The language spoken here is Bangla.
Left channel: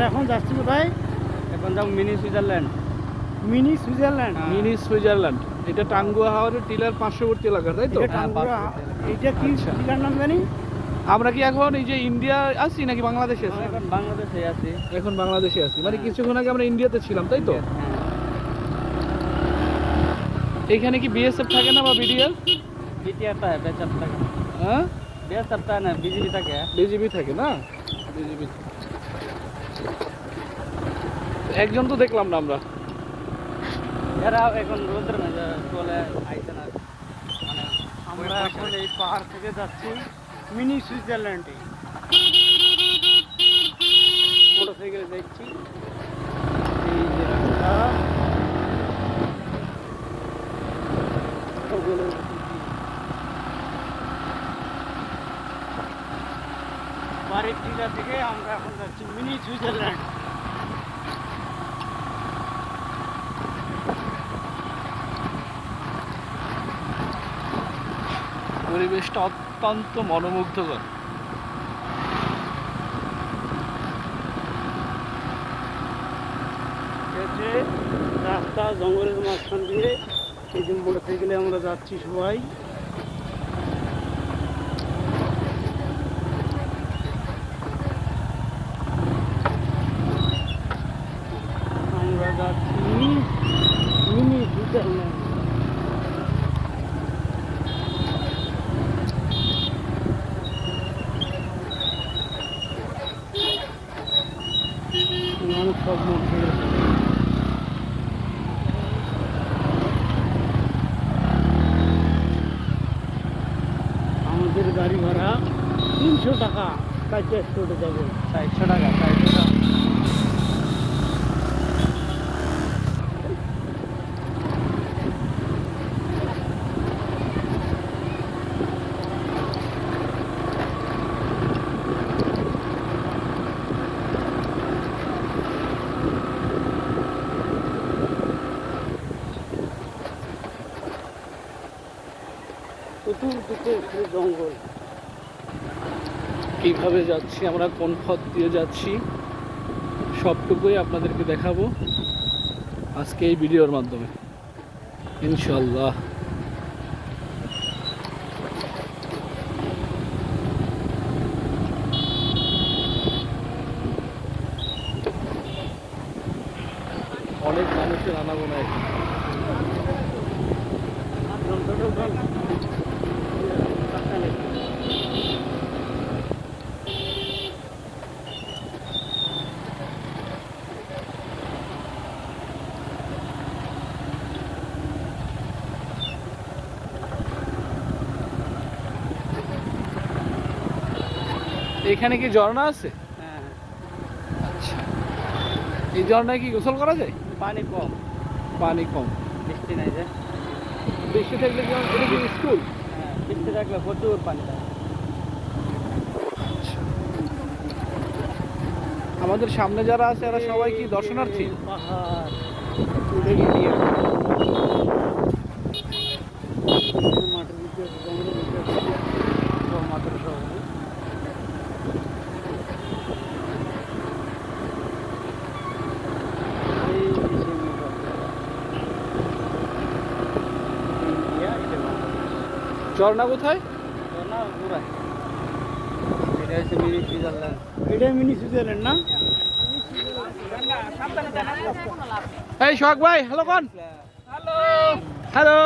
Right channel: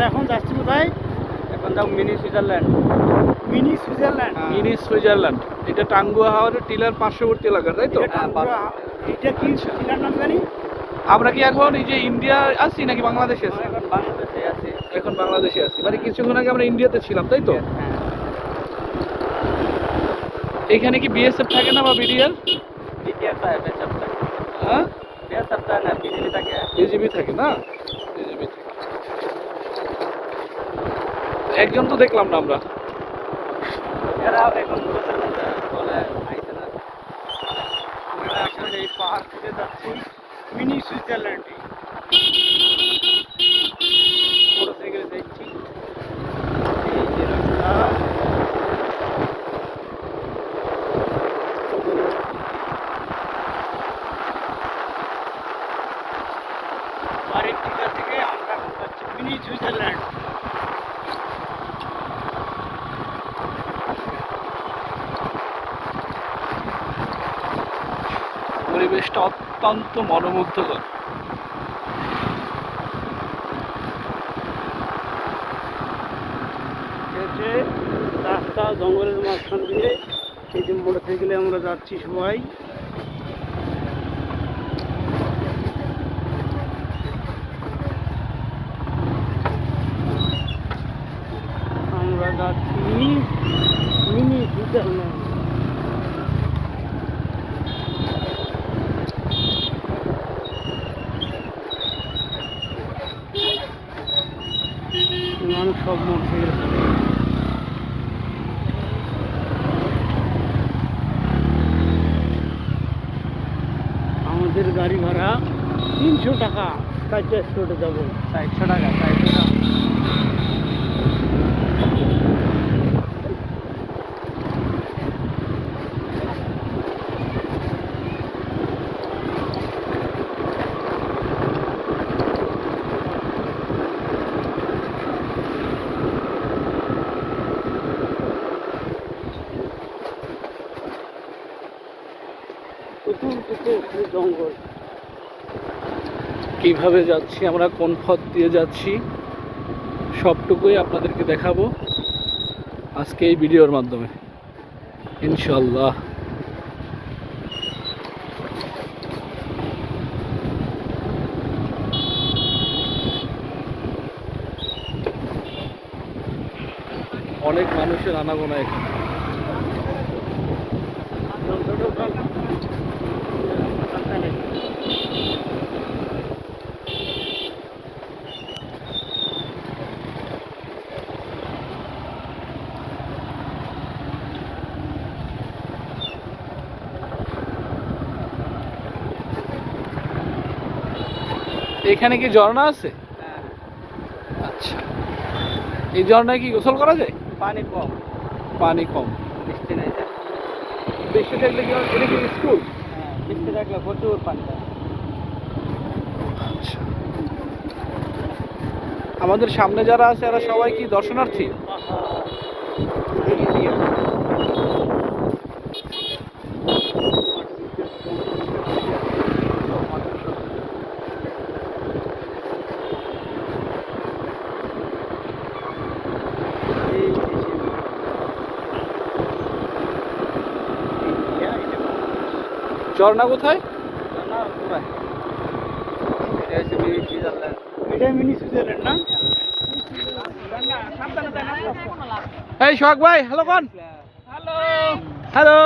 আমরা এখন যাচ্ছি কোথায়? এখন যাও mini Switzerland. Mini Switzerland. Mini Switzerland, এটা টাঙ্গুয়া হাওরের টিলার পার্শ্ববর্তী এলাকা, তাই তো? এটা টাঙ্গুয়া। এটা কি আচ্ছা। টিলার নাম জানি? আমরা কি এখন এই যে ইন্ডিয়া আছি নাকি বাংলাদেশে আছি? এখন বাংলাদেশে আছি। এখন বাংলাদেশে আছি, মানে কিছুক্ষণ আগে আমরা ইন্ডিয়াতে ছিলাম, তাই তো? হ্যাঁ, এখানে কি বিএসএফ থাকে না বা বিডিআর? বিটিআর থাকে, বিএসএফ থাকে। হ্যাঁ, বিএসএফ থাকে না, বিজিবি থাকে। বিজিবি থাকে না? বিজিবি থাকে। একজন তো দেখলাম না আমরা। এরা এখন বলতে না যে বলে আইছে না। আমরা এখন এই পাহাড় থেকে যাচ্ছি মিনি সুইজারল্যান্ডে। মোটরসাইকেলে যাচ্ছি। এই যে রাস্তা। বাড়ির টিকা থেকে আমরা এখন যাচ্ছি মিনি সুইজারল্যান্ড। পরিবেশটা অত্যন্ত মনোমুগ্ধকর। হচ্ছে রাস্তা জঙ্গলের মাঝখান দিয়ে এই যে মোটরসাইকেলে আমরা যাচ্ছি সবাই। আমরা যাচ্ছি মিনি সুইজারল্যান্ড। মানুষ সব মোটরসাইকেল আমাদের গাড়ি ভাড়া 300 টাকা। কাজে স্পটে যাবো 100 টাকা, 100 টাকা। চতুর্দিকে শুধু জঙ্গল। কিভাবে যাচ্ছি আমরা, কোন পথ দিয়ে যাচ্ছি, সবটুকুই আপনাদেরকে দেখাবো আজকে এই ভিডিওর মাধ্যমে ইনশাল্লাহ। অনেক মানুষের আনাগোনা এখানে। এখানে কি ঝর্ণা আছে? হ্যাঁ, আচ্ছা, এই ঝর্ণায় কি গোসল করা যায়? পানি কম, পানি কম। বৃষ্টি নাই যে। বৃষ্টি থাকলে কি এটা কি স্কুল? হ্যাঁ, বৃষ্টি থাকলে প্রচুর পানি থাকে। আমাদের সামনে যারা আছে এরা সবাই কি দর্শনার্থী? পাহাড় ঝর্ণা কোথায়? না, দূরে। এটা হচ্ছে মিনি সুইজারল্যান্ড। এটাই মিনি সুইজারল্যান্ড না? এই সোহাগ ভাই, হ্যালো কোন? হ্যালো। হ্যালো।